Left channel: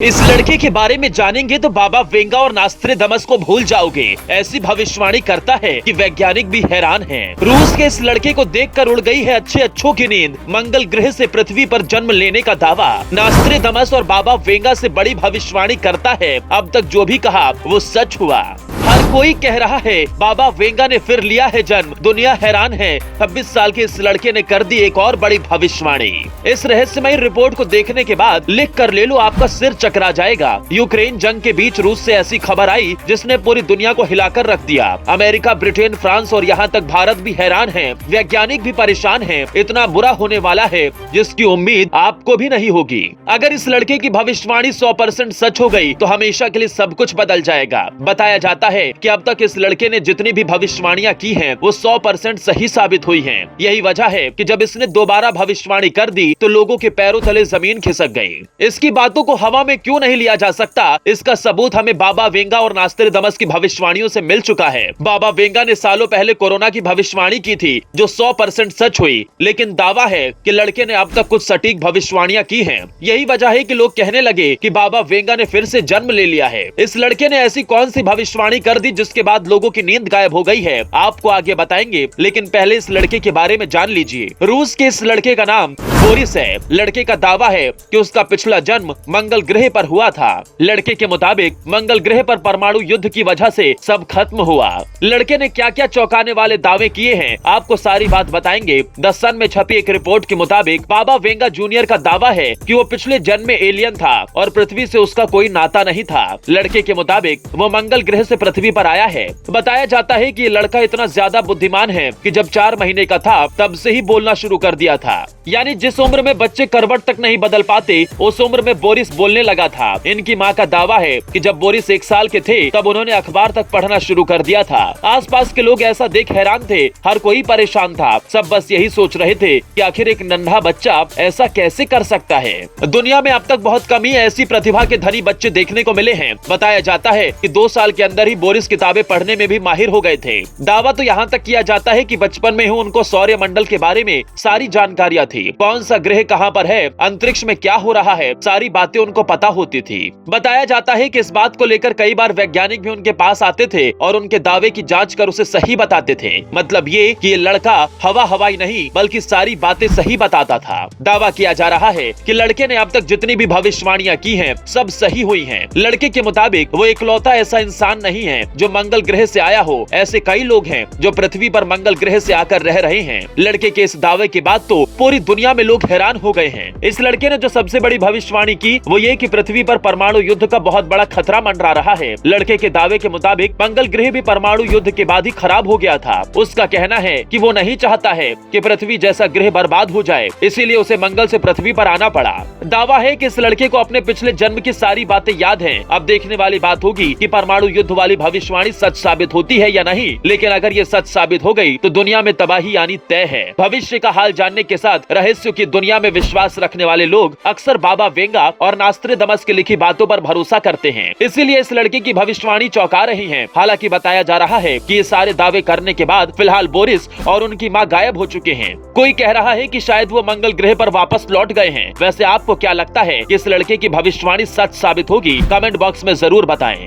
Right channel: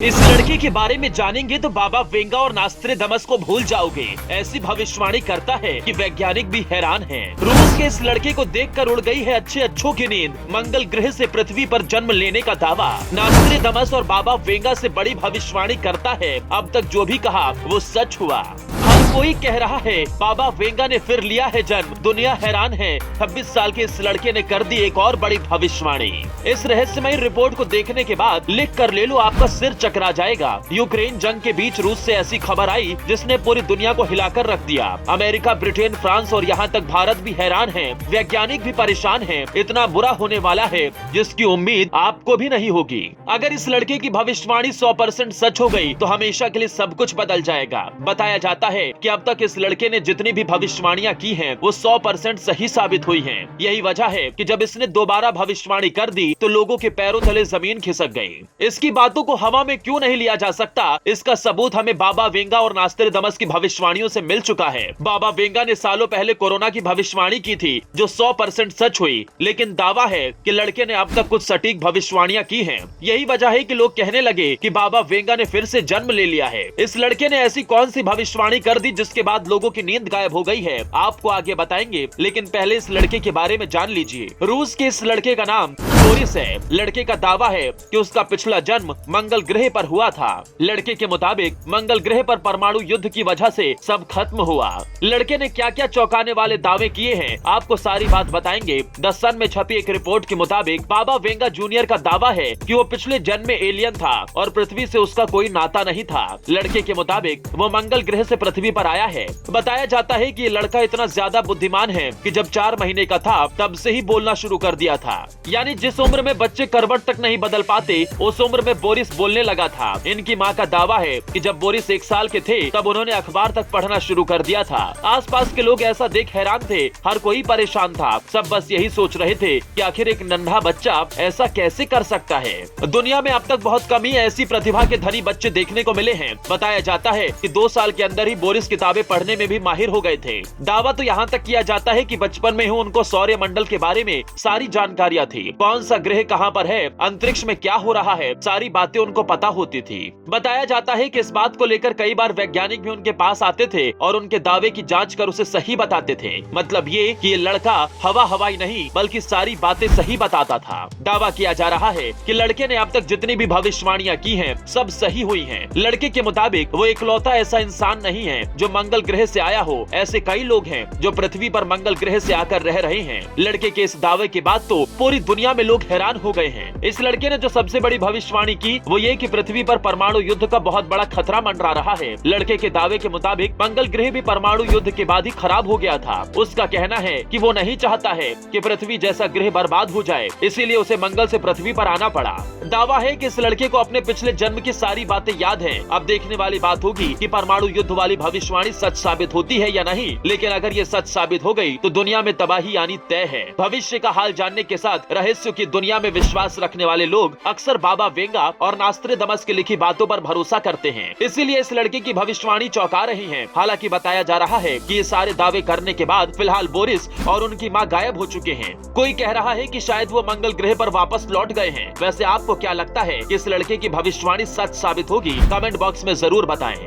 इस लड़के के बारे में जानेंगे तो बाबा वेंगा और नास्त्रेदमस को भूल जाओगे। ऐसी भविष्यवाणी करता है कि वैज्ञानिक भी हैरान हैं। रूस के इस लड़के को देखकर उड़ गई है अच्छे अच्छों की नींद। मंगल ग्रह से पृथ्वी पर जन्म लेने का दावा। नास्त्रेदमस और बाबा वेंगा से बड़ी भविष्यवाणी करता है। अब तक जो भी कहा वो सच हुआ। हर कोई कह रहा है बाबा वेंगा ने फिर लिया है जन्म। दुनिया हैरान है। 26 साल के इस लड़के ने कर दी एक और बड़ी भविष्यवाणी। इस रहस्यमयी रिपोर्ट को देखने के बाद लिख कर ले लो, आपका सिर चकरा जाएगा। यूक्रेन जंग के बीच रूस से ऐसी खबर आई जिसने पूरी दुनिया को हिलाकर रख दिया। अमेरिका, ब्रिटेन, फ्रांस और यहाँ तक भारत भी हैरान है। वैज्ञानिक भी परेशान है। इतना बुरा होने वाला है जिसकी उम्मीद आपको भी नहीं होगी। अगर इस लड़के की भविष्यवाणी 100% सच हो गई तो हमेशा के लिए सब कुछ बदल जाएगा। बताया जाता है कि अब तक इस लड़के ने जितनी भी भविष्यवाणियां की हैं वो 100% सही साबित हुई हैं। यही वजह है कि जब इसने दोबारा भविष्यवाणी कर दी तो लोगों के पैरों तले जमीन खिसक गई। इसकी बातों को हवा में क्यों नहीं लिया जा सकता, इसका सबूत हमें बाबा वेंगा और नास्त्रेदमस की भविष्यवाणियों से मिल चुका है। बाबा वेंगा ने सालों पहले कोरोना की भविष्यवाणी की थी जो 100% सच हुई, लेकिन दावा है कि लड़के ने अब तक कुछ सटीक भविष्यवाणियां की हैं। यही वजह है कि लोग कहने लगे कि बाबा वेंगा ने फिर से जन्म ले लिया है। इस लड़के ने ऐसी कौन सी भविष्यवाणी कर दी जिसके बाद लोगों की नींद गायब हो गई है, आपको आगे बताएंगे। लेकिन पहले इस लड़के के बारे में जान लीजिए। रूस के इस लड़के का नाम बोरिस है। लड़के का दावा है कि उसका पिछला जन्म मंगल ग्रह पर हुआ था। लड़के के मुताबिक मंगल ग्रह पर परमाणु युद्ध की वजह से सब खत्म हुआ। लड़के ने क्या क्या चौंकाने वाले दावे किए हैं, आपको सारी बात बताएंगे। द सन में छपी एक रिपोर्ट के मुताबिक बाबा वेंगा जूनियर का दावा है कि वो पिछले जन्म में एलियन था और पृथ्वी से उसका कोई नाता नहीं था। लड़के के मुताबिक वो मंगल ग्रह से पृथ्वी पर आया है। बताया जाता है कि ये लड़का इतना ज्यादा बुद्धिमान है कि जब 4 महीने का था तब से ही बोलना शुरू कर दिया था। यानी जिस उम्र में बच्चे करवट तक नहीं बदल पाते उस उम्र में बोरिस बोलने लगा था। इनकी माँ का दावा है कि जब बोरिस 1 साल के थे तब उन्होंने अखबार तक पढ़ना शुरू कर दिया था। आसपास के लोग ऐसा देख हैरान थे। हर कोई परेशान था। सब बस यही सोच रहे थे कि आखिर एक नन्हा बच्चा ऐसा कैसे कर सकता है। दुनिया में अब तक बहुत कम ही ऐसी प्रतिभा के धनी बच्चे देखने को मिले हैं। बताया जाता है कि 2 साल के अंदर ही बोरिस किताबें पढ़ने में भी माहिर हो गए थे। दावा तो यहाँ तक किया जाता है कि बचपन में ही उनको सौर मंडल के बारे में सारी जानकारियाँ थी। कौन सा ग्रह कहाँ पर है, अंतरिक्ष में क्या हो रहा है, सारी बातें उनको पता होती थी। बताया जाता है कि इस बात को लेकर कई बार वैज्ञानिक भी उनके पास आते थे और उनके दावे की जांच कर उसे सही बताते थे। मतलब ये कि ये लड़का हवाई नहीं बल्कि सारी बातें सही बताता था। दावा किया जा रहा है कि लड़के ने अब तक जितनी भी भविष्यवाणियां की हैं सब सही हुई हैं। लड़के के मुताबिक वो इकलौता ऐसा इंसान नहीं है जो मंगल ग्रह से आया हो। ऐसे कई लोग हैं जो पृथ्वी पर मंगल ग्रह से आकर रह रहे हैं। लड़के के इस दावे के बाद तो पूरी दुनिया में लोग हैरान हो गए हैं। इस लड़के ने जो सबसे बड़ी भविष्यवाणी की वो ये कि पृथ्वी पर परमाणु युद्ध का बहुत बड़ा खतरा मंडरा रहा है। लड़के के दावे के मुताबिक मंगल ग्रह भी परमाणु युद्ध के बाद ही खराब हो गया था। उसका कहना है कि वो नहीं चाहता है कि पृथ्वी जैसा ग्रह बर्बाद हो जाए, इसीलिए उसे मंगल से पृथ्वी पर आना पड़ा। दावा है कि इस लड़के को अपने पिछले जन्म की सारी बातें याद हैं। अब देखने वाली बात होगी कि परमाणु युद्ध वाली भविष्यवाणी सच साबित होती है या नहीं। लेकिन अगर ये सच साबित हो गई तो दुनिया में तबाही आनी तय है। भविष्य का हाल जानने के साथ रहस्यों की दुनिया में विश्वास रखने वाले लोग अक्सर बाबा वेंगा और नास्त्रेदमस की लिखी बातों पर भरोसा करते हैं। इसीलिए इस लड़के की भविष्यवाणी चौंका रही है। हालांकि बताया जा रहा है कि ये सारे दावे करने के बाद फिलहाल बोरिस और उनकी मां गायब हो चुके हैं। कोई कह रहा है कि शायद वो मंगल ग्रह पर वापस लौट गए हैं। वैसे आपको क्या लगता है कि इस लड़के की भविष्यवाणी सच साबित होगी? कमेंट बॉक्स में जरूर बताएं।